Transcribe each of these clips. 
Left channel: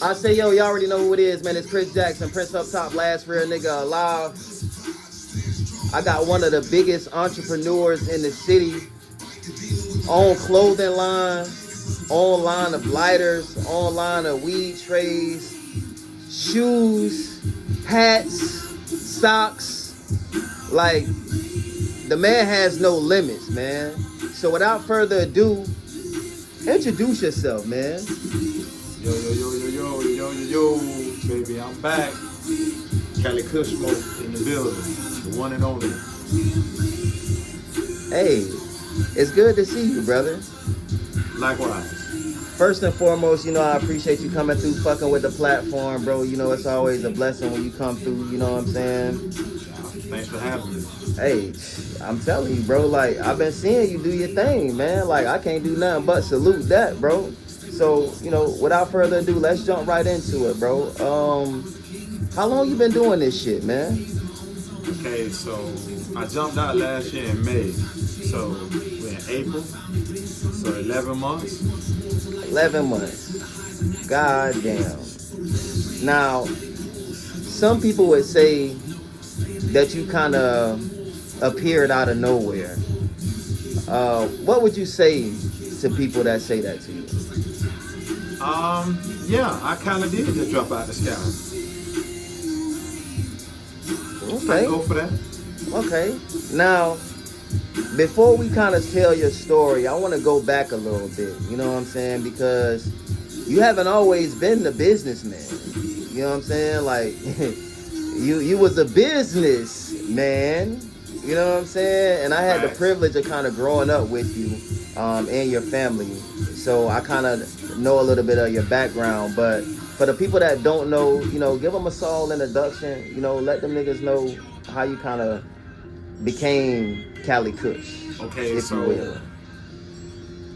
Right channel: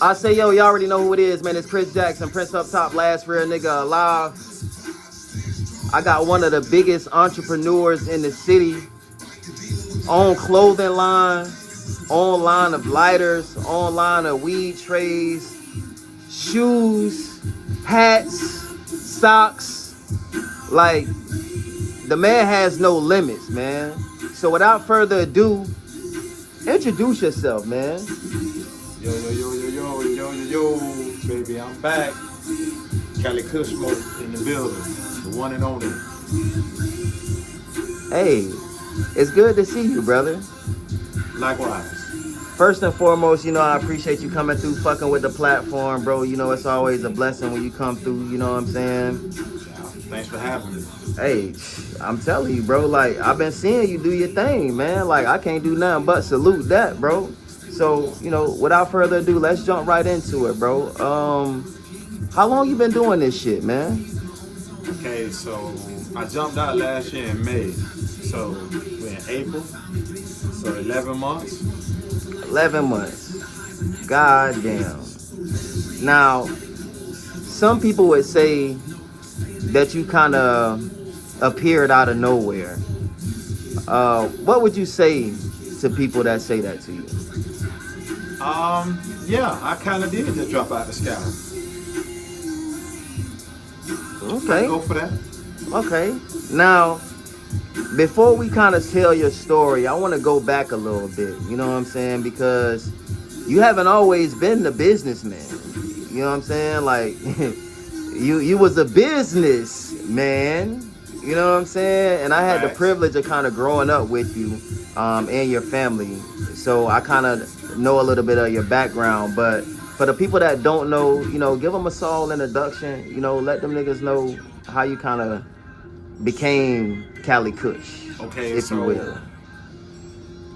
I say, yo, y'all already know who it is, man. It's Chris Jackson, Prince Up Top, last real nigga alive. I got one of the biggest entrepreneurs in the city. Own clothing line, own line of lighters, own line of weed trays, shoes, hats, socks. Like, the man has no limits, man. So without further ado, introduce yourself, man. Yo, baby, I'm back. Cali Kush smoke in the building, the one and only. Hey, it's good to see you, brother. Likewise. First and foremost, you know, I appreciate you coming through, fucking with the platform, bro. You know, it's always a blessing when you come through, you know what I'm saying? Thanks for having me. Hey, I'm telling you, bro, like, I've been seeing you do your thing, man. Like, I can't do nothing but salute that, bro. So, you know, without further ado, let's jump right into it, bro. How long you been doing this shit, man? Okay, so I jumped out last year in May. So we're in April. So 11 months. 11 months. God damn. Now, some people would say that you kind of appeared out of nowhere. What would you say to people that say that to you? Yeah, I kind of did just drop out the sky. Okay. I go for that. Okay. Now, before we kind of tell your story, I want to go back a little bit. You know what I'm saying? Because you haven't always been the businessman. You know what I'm saying? Like, you was a businessman. You know what I'm saying? And I had the privilege of kind of growing up with you and your family. So I kind of know a little bit of your background. But for the people that don't know, you know, give them a small introduction. You know, let them niggas know how you kind of became Cali Kush. Okay, so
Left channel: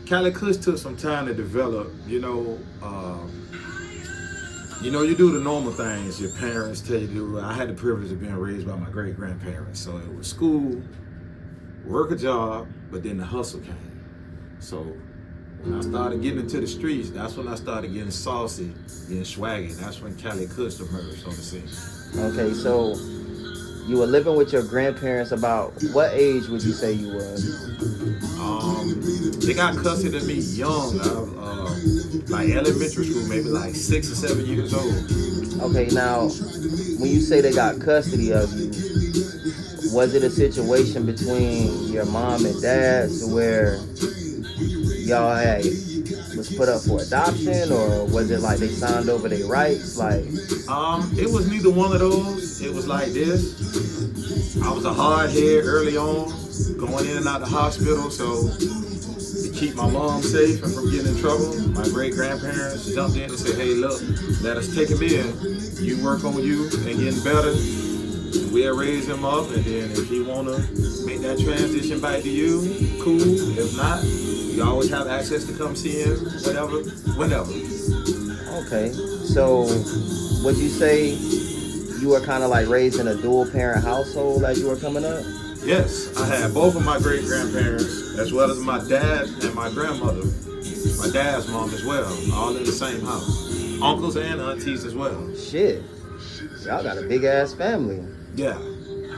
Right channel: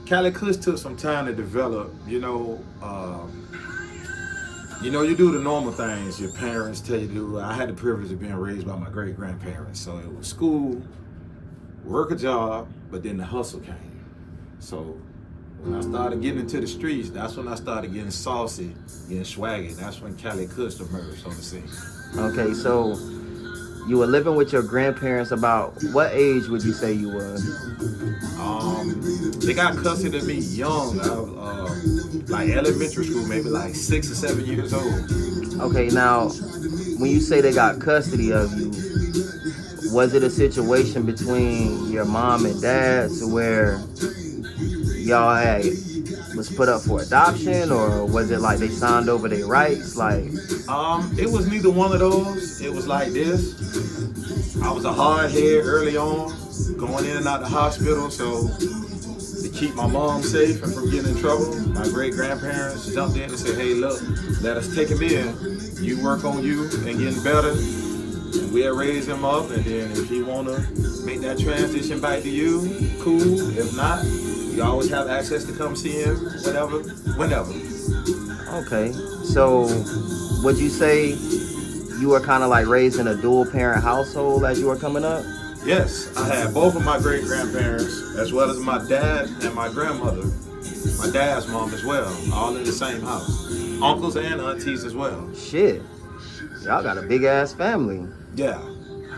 Cali Kush took some time to develop. You you do the normal things your parents tell you to do. I had the privilege of being raised by my great-grandparents. So it was school, work a job, but then the hustle came. So when I started getting into the streets, that's when I started getting saucy, getting swaggy. That's when Cali Kush emerged on the scene. Okay, so you were living with your grandparents. About what age would you say you was? They got custody of me young. Like elementary school, maybe like 6 or 7 years old. Okay, now, when you say they got custody of you, was it a situation between your mom and dad to where y'all was put up for adoption, or was it like they signed over their rights? Like, it was neither one of those. It was like this. I was a hard head early on, going in and out the hospital, so to keep my mom safe and from getting in trouble, my great-grandparents jumped in and said, hey, look, let us take him in. You work on you and getting better. We'll raise him up, and then if he want to make that transition back to you, cool. If not, you always have access to come see him, whenever. Okay, so would you say you were kind of like raised in a dual-parent household as you were coming up? Yes, I had both of my great-grandparents, as well as my dad and my grandmother, my dad's mom as well, all in the same house. Uncles and aunties as well. Shit, y'all got a big-ass family. Yeah.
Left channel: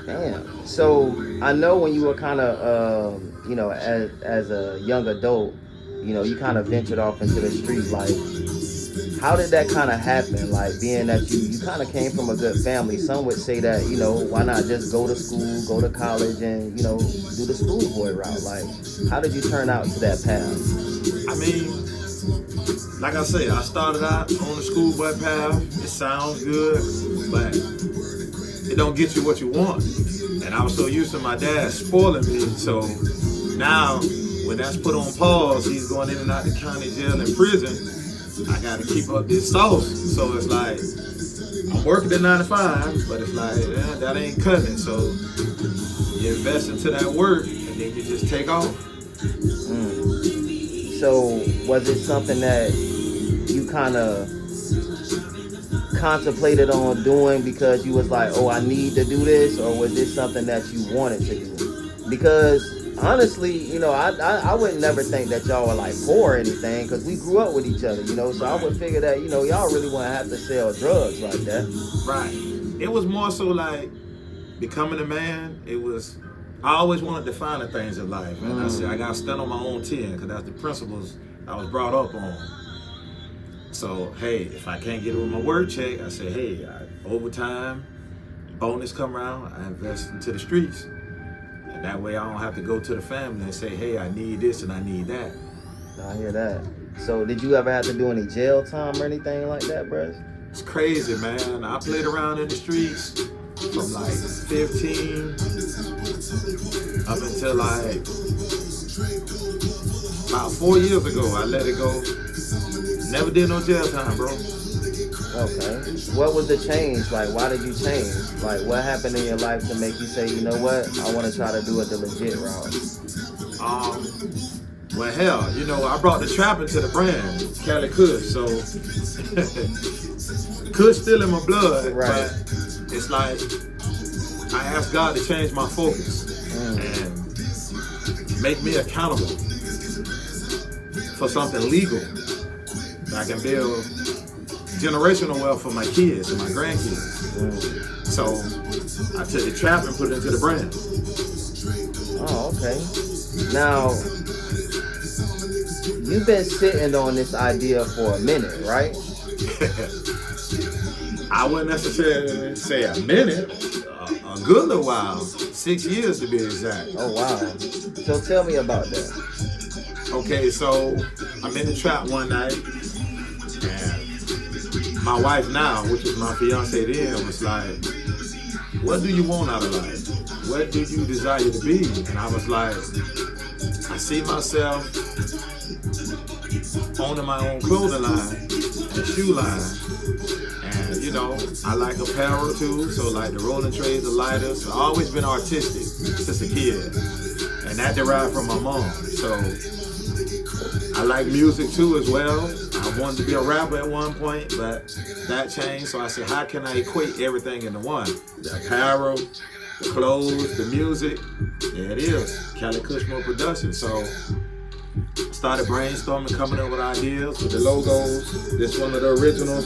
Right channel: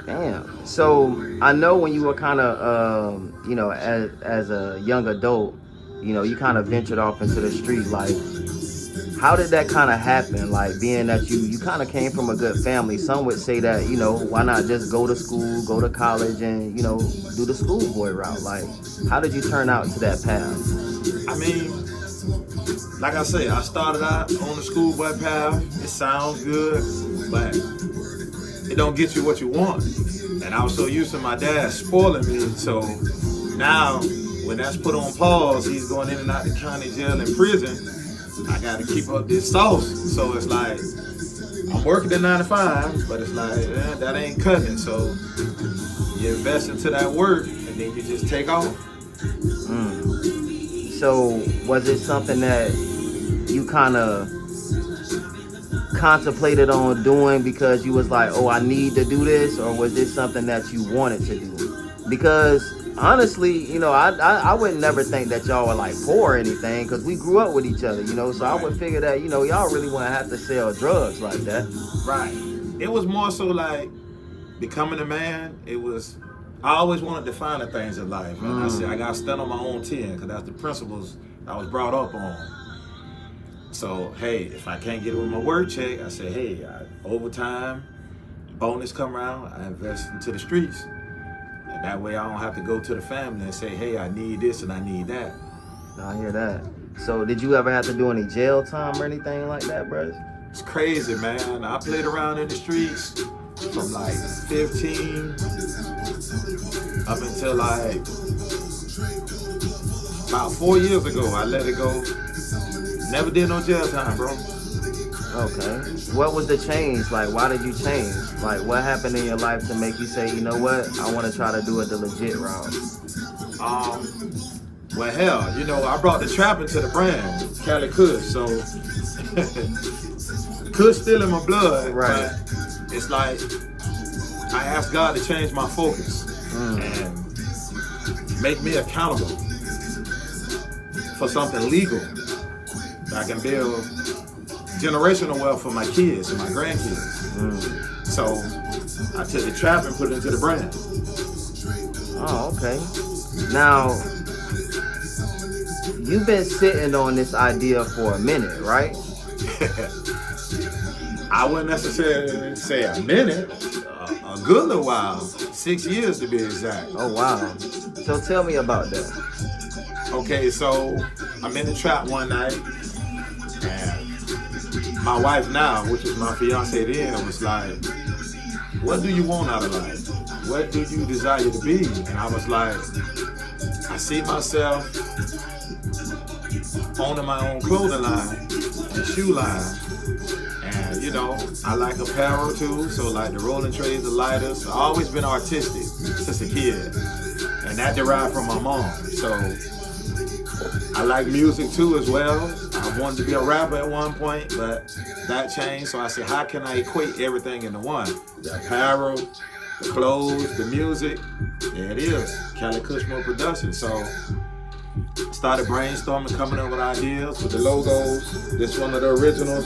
Damn. So I know when you were kind of, you know, as a young adult, you know, you kind of ventured off into the street. Like, how did that kind of happen? Like, being that you kind of came from a good family, some would say that, you know, why not just go to school, go to college, and, you know, do the schoolboy route? Like, how did you turn out to that path? I mean, like I say, I started out on the schoolboy path. It sounds good, but it don't get you what you want. And I was so used to my dad spoiling me, so now when that's put on pause, he's going in and out the county jail and prison, I got to keep up this sauce. So it's like, I'm working at 9 to 5, but it's like, that ain't cutting. So you invest into that work, and then you just take off. So was it something that you kind of contemplated on doing because you was like, oh, I need to do this, or was this something that you wanted to do? Because honestly, you know, I would never think that y'all were like poor or anything, because we grew up with each other, you know. So I would figure that, you know, y'all really wouldn't have to sell drugs like that. Right. It was more so like becoming a man. It was, I always wanted to find the things in life, and I said I gotta stand on my own 10, because that's the principles I was brought up on. So hey, if I can't get it with my work check, I say, hey, overtime, bonus come around, I invest into the streets. And that way I don't have to go to the family and say, hey, I need this and I need that. I hear that. So did you ever have to do any jail time or anything like that, bro? It's crazy, man. I played around in the streets from like 15 up until like about 4 years ago. I let it go. Never did no jail time, bro. Okay. What was the change? Like, why did you change? Like, what happened in your life to make you say, you know what, I want to try to do it the legit route? Well, hell, you know, I brought the trap into the brand, Cali Kush. So, Kush still in my blood, right. But it's like I asked God to change my focus and make me accountable for something legal that I can build generational wealth for my kids and my grandkids. So I took the trap and put it into the brand. Oh, okay. Now, you've been sitting on this idea for a minute, right? I wouldn't necessarily say a minute, a good little while, 6 years to be exact. Oh, wow. So tell me about that. Okay, so I'm in the trap one night, and my wife now, which is my fiance then, was like, what do you want out of life? What do you desire to be? And I was like, I see myself owning my own clothing line and shoe line. And you know, I like apparel too, so like the rolling trays, the lighters. I've always been artistic since a kid. And that derived from my mom. So I like music too as well. I wanted to be a rapper at one point, but that changed. So I said, how can I equate everything into one? The apparel, the clothes, the music. There it is, Cali Kush Production. So I started brainstorming, coming up with ideas with the logos. This one of the originals.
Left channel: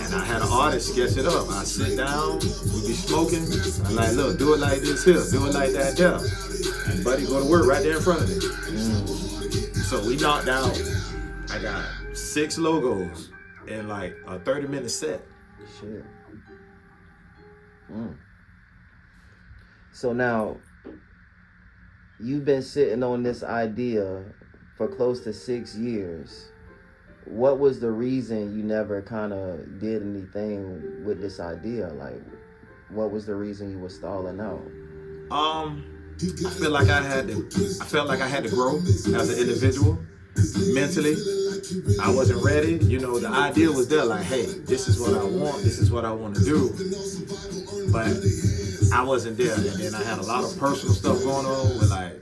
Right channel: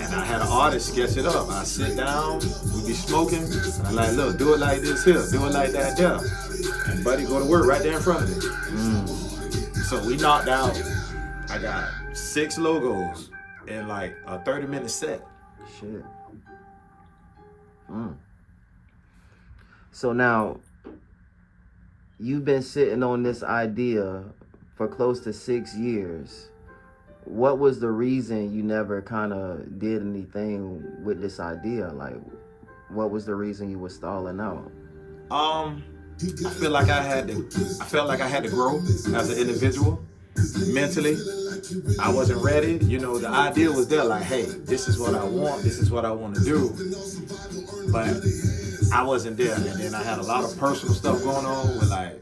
And I had an artist sketch it up. I sit down, we be smoking. And I'm like, look, do it like this here, do it like that there. And buddy go to work right there in front of me. So we knocked out, I got 6 logos in like a 30-minute set. Shit. So now, you've been sitting on this idea for close to 6 years. What was the reason you never kind of did anything with this idea? Like, what was the reason you were stalling out? I felt like I had to grow as an individual mentally. I wasn't ready. You know, the idea was there, like, hey, this is what I want, this is what I want to do. But I wasn't there. And then I had a lot of personal stuff going on with like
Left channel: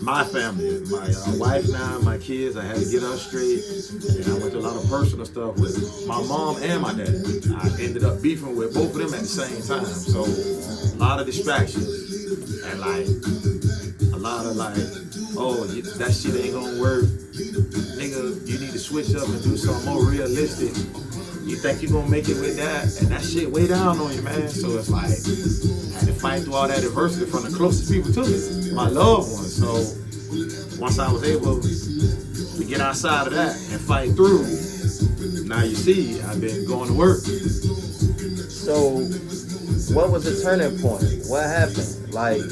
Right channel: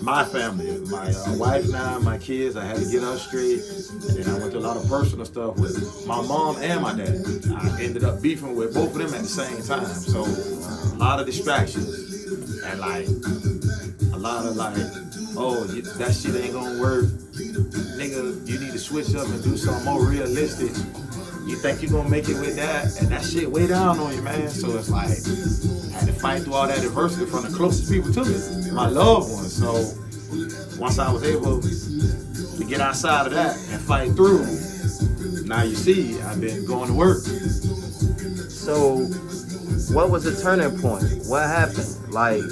my family, my wife now, my kids. I had to get us straight. And then I went through a lot of personal stuff with my mom and my dad. I ended up beefing with both of them at the same time. So a lot of distractions. And like a lot of like, oh, that shit ain't gonna work. Nigga, you need to switch up and do something more realistic. You think you're gonna make it with that, and that shit way down on you, man. So it's like, I had to fight through all that adversity from the closest people to me, my loved ones. So once I was able to get outside of that and fight through, now you see, I've been going to work. So what was the turning point? What happened? Like,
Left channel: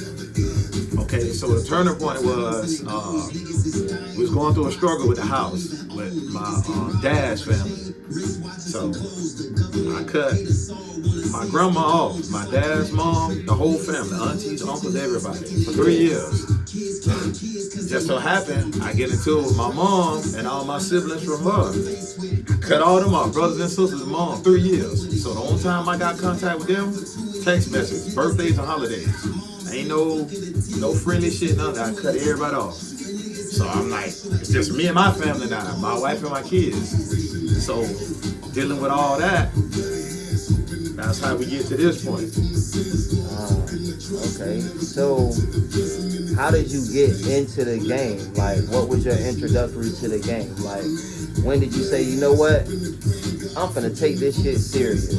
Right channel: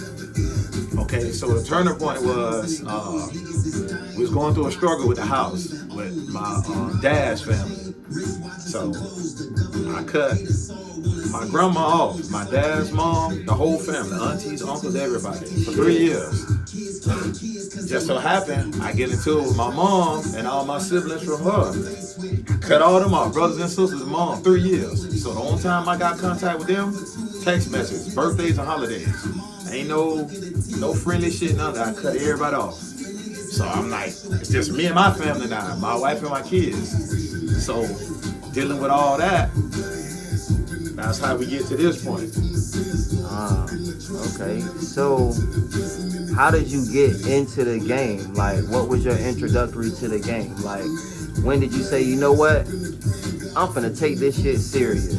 okay, so the turning point was, we was going through a struggle with the house, with my dad's family. So I cut my grandma off, my dad's mom, the whole family, aunties, uncles, everybody, for 3 years. Just so happened, I get into it with my mom and all my siblings from her. Cut all them off, brothers and sisters and mom, 3 years. So the only time I got contact with them, text messages, birthdays and holidays. Ain't no friendly shit, none of that. I cut everybody off. So I'm like, it's just me and my family now, my wife and my kids. So dealing with all that, that's how we get to this point. Okay, so how did you get into the game? Like, what was your introductory to the game? Like, when did you say, you know what, I'm finna take this shit serious?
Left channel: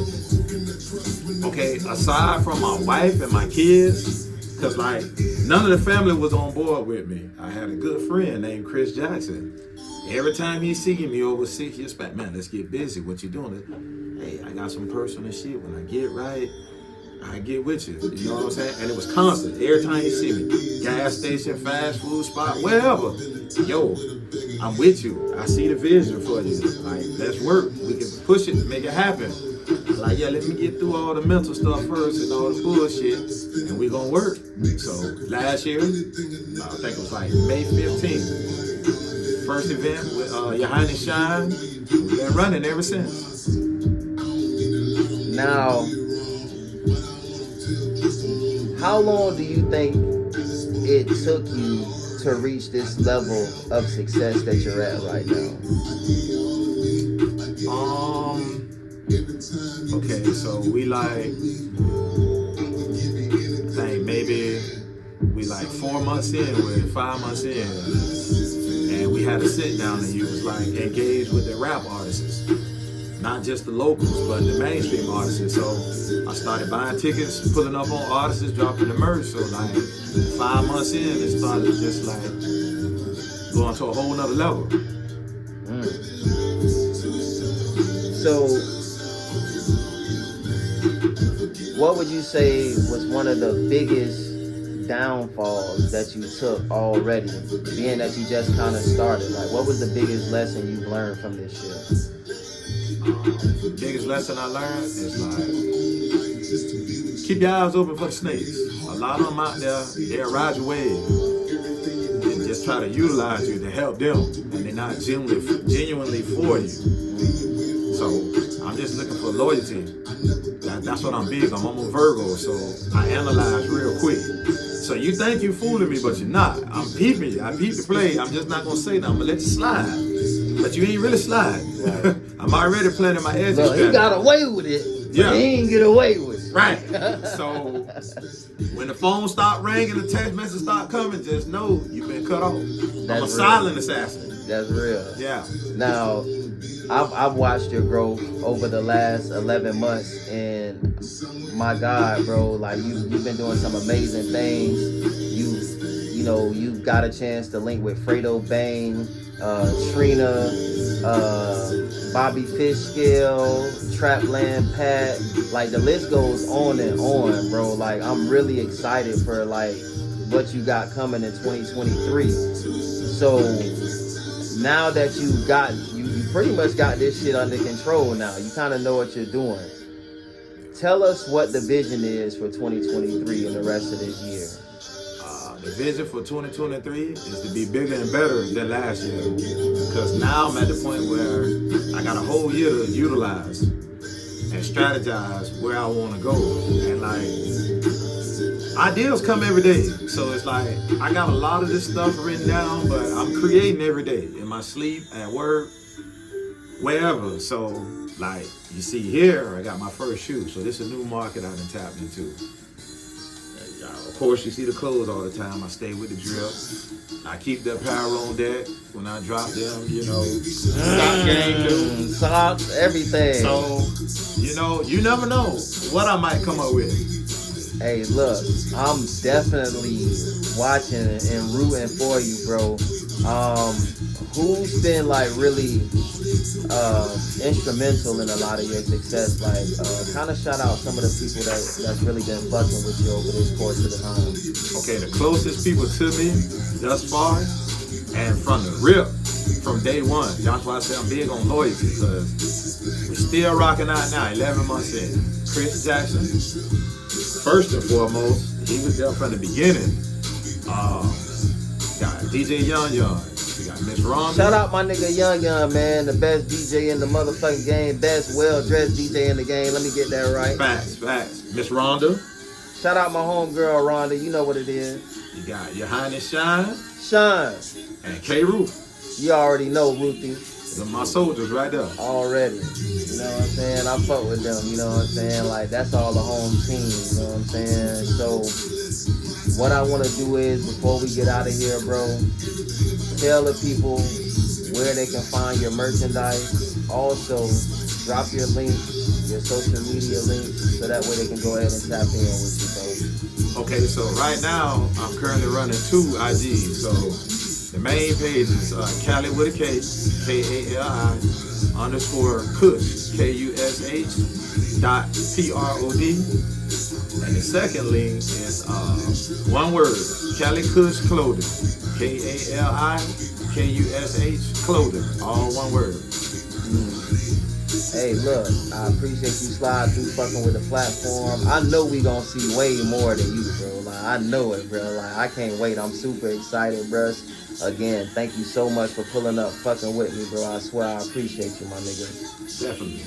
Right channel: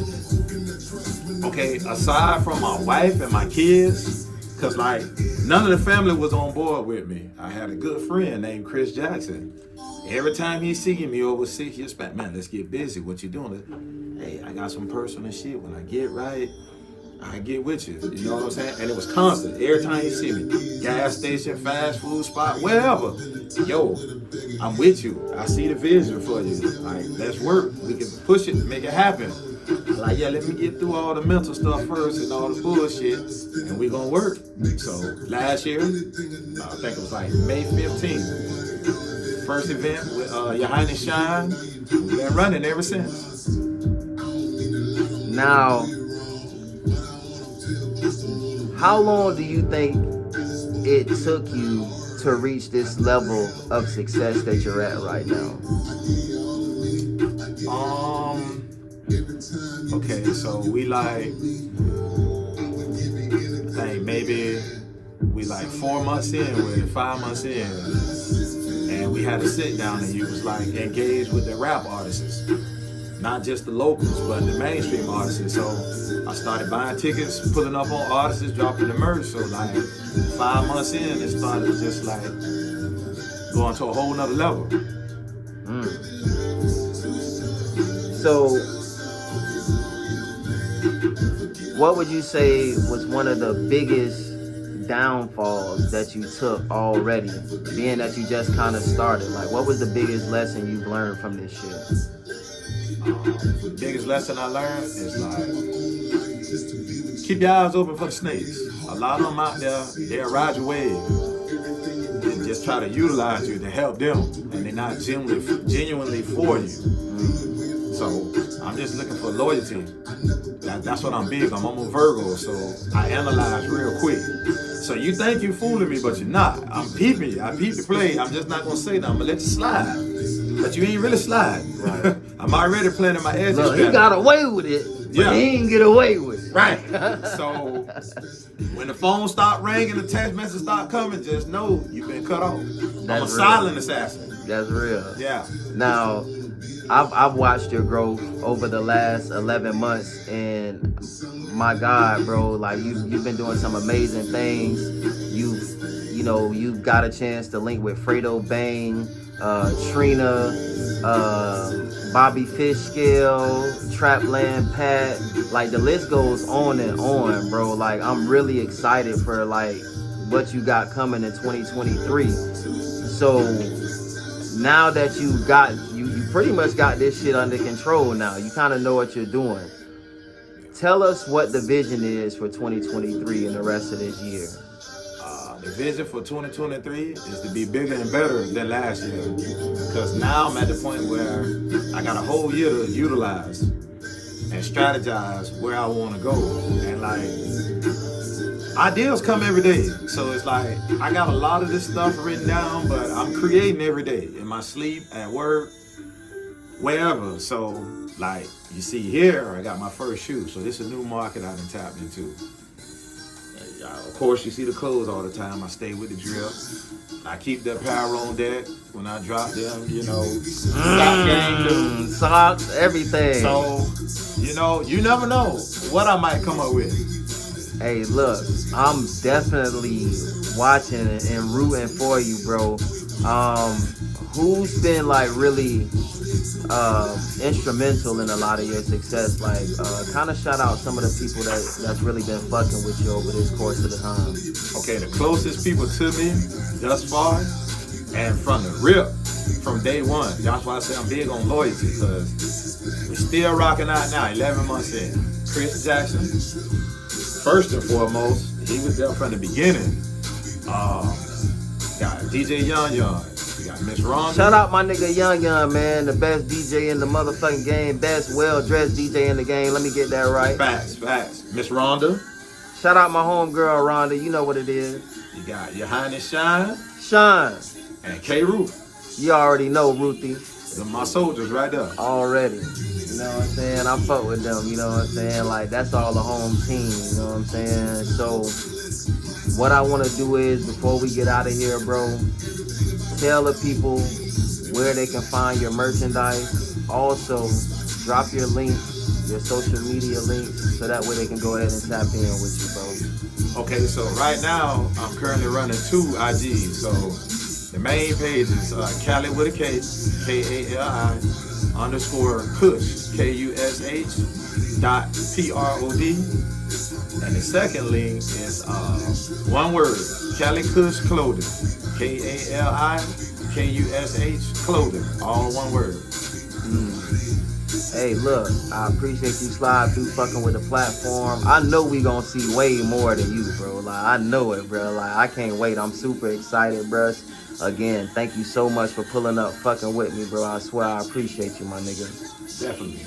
Okay, aside from my wife and my kids, cause like none of the family was on board with me. I had a good friend named Chris Jackson. Every time he see me over 6 years back, man, let's get busy. What you doing? Hey, I got some personal shit. When I get right, I get with you. You know what I'm saying? And it was constant. Every time you see me, gas station, fast food spot, wherever. Yo, I'm with you. I see the vision for you. Like, let's work. We can push it, make it happen. Like, yeah, let me get through all the mental stuff first and all the bullshit, and we gonna work. So last year, I think it was like May 15th, first event with Your Highness Shine. We've been running ever since. Now, how long do you think it took you to reach this level of success that you're at right now? Okay, so we like, I think maybe we like 4 months in, we're 5 months in, and we had a sit down and you was like engaged with the rap artists, not just the locals, but the mainstream artists. So I started buying tickets, pulling up on artists, dropping the merch. So like 5 months in, it started just like going to a whole nother level. So, what would you say was one of the biggest downfalls that you took already, being that you just kind of started? Like, what was the biggest lesson you've learned from this shit? The biggest lesson I learned is like, keep your eyes open for the snakes. A lot of them out there, they'll ride your wave and just try to utilize you to help them, and they're not genuinely for you. So I'm just looking for loyalty. That's what I'm big on. I'm a Virgo, so I analyze real quick. So you think you fooling me, but you're not. I'm peeping you. I peep the play. I'm just not gonna say nothing. I'm gonna let you slide. But you ain't really sliding. I'm already planning my exit strategy. He got away with it, but he ain't get away with it. Right. So when the phone stop ringing, the text message start coming, just know you've been cut off. I'm a silent assassin. That's real. Yeah. Now, I've watched your growth over the last 11 months, and my God, bro, like you've been doing some amazing things. You've got a chance to link with Fredo Bang, Trina, Bobby Fishkill, Trapland Pat. Like, the list goes on and on, bro. Like, I'm really excited for like what you got coming in 2023. So now that you pretty much got this shit under control now. You kind of know what you're doing. Tell us what the vision is for 2023 and the rest of this year. The vision for 2023 is to be bigger and better than last year. Because now I'm at the point where I got a whole year to utilize and strategize where I want to go. And like, ideas come every day. So it's like, I got a lot of this stuff written down, but I'm creating every day in my sleep, at work, wherever. So like you see here, I got my first shoe. So this is a new market I done tapped into. Of course, you see the clothes all the time. I stay with the drip. I keep the apparel on deck when I drop them, stock game too. Socks, everything. So, you never know what I might come up with. Hey, look, I'm definitely watching and rooting for you, bro. Who's been like really instrumental in a lot of your success? Like, kind of shout out some of the people that's really been fucking with you over this course of the time. Okay, the closest people to me thus far, and from the rip, from day one. That's why I say I'm big on loyalty, because we're still rocking out now, 11 months in. Chris Jackson, first and foremost, he was there from the beginning. Got DJ Young. We got Miss Rhonda. Shout out my nigga Young, man. The best DJ in the motherfucking game. Best well-dressed DJ in the game. Let me get that right. Facts. Miss Rhonda. Shout out my homegirl Rhonda. You know what it is. You got Your Highness Shine. And K. Ruth. You already know, Ruthie. They're my soldiers right there. Already. You know what I'm saying? man, I fuck with them, you know what I'm saying? Like, that's all the home team, you know what I'm saying? So, what I want to do is, before we get out of here, bro, tell the people where they can find your merchandise. Also, drop your links, your social media links, so that way they can go ahead and tap in with you, bro. Okay, so right now I'm currently running 2 IGs. So the main page is Cali with a K, KALI _Kush, KUSH .PROD. And the second link is one word, Cali Kush Clothing, KALIKUSH Clothing, all one word. Hey, look, I appreciate you slide through fucking with the platform. I know we gonna see way more than you, bro. Like, I know it, bro. Like, I can't wait. I'm super excited, bro. Again, thank you so much for pulling up fucking with me, bro. I swear I appreciate you, my nigga. Definitely.